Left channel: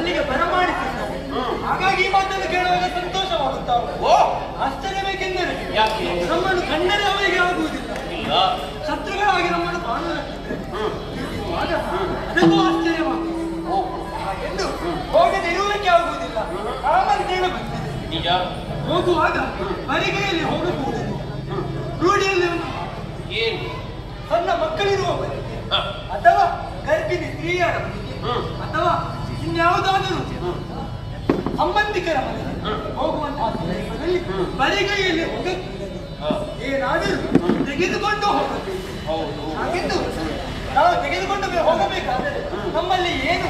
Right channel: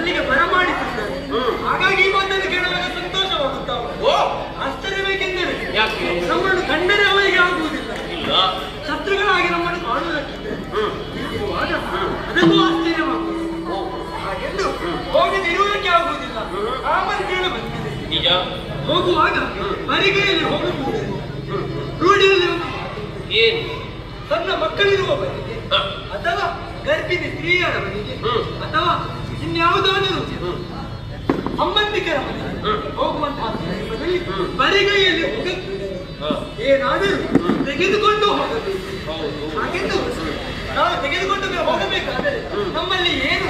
ಅಲ್ಲಿಗೆ ಬರಮಾಡಿಸಿದ್ದಾರೆ. ಹಾಗಾಗಿ ಈ ಮಾತನ್ನು ಕೇಳುವಾಗ ಸಂತೋಷವಾಗುತ್ತಾವೆ. ಆಶ್ಚರ್ಯ ಬೇಕೆಂದರೆ ನಮ್ಮನ್ನು ಕಂಡರೆ ಅವರಿಗೆ ಆಗುವುದಿಲ್ಲ, ಶತ್ರುಗಳಾಗಿ ನಮ್ಮನ್ನು ಕಾಣುತ್ತಿದ್ದೆ ಅದಕ್ಕೂ ಆಶ್ಚರ್ಯವಾಗುತ್ತದೆ. ಎಂದು ಹೋಗದಿರುವುದಕ್ಕೆ ಆಗುವುದಿಲ್ಲ, ಆಮಂತ್ರಣ ಬಂದಿದೆ. ಹೋಗುವಾಗ ಮರಿಗೆಯಲ್ಲಿ ಹೋಗಬಹುದು. ರೂಢಿಯಲ್ಲಿ ಏನು ಸಣ್ಣ ಮಕ್ಕಳಿರುವವರಿಗೆ ಅಥವಾ ಗರ್ಭಿಣಿ ಸ್ತ್ರೀಯರವರಿಗೆ ಅಥವಾ ಇನ್ಯಾವುದಾದರೂ ಸಂಬಂಧಿಕರ ಮನೆಗೆ ಹೋಗುವಂತಹ ಸಂದರ್ಭದಲ್ಲಿ ಬರಿಗೈಯಲ್ಲಿ ಹೋಗಬಹುದು. ಏನಾದರೂ ತೆಗೆದುಕೊಂಡು ಹೋಗಬೇಕು. ಹಾಗೆಂದು ನಾವು ತೆಗೆದುಕೊಂಡು ಹೋಗಬೇಕಾದರೆ ನಮ್ಮಲ್ಲಿ ಏನು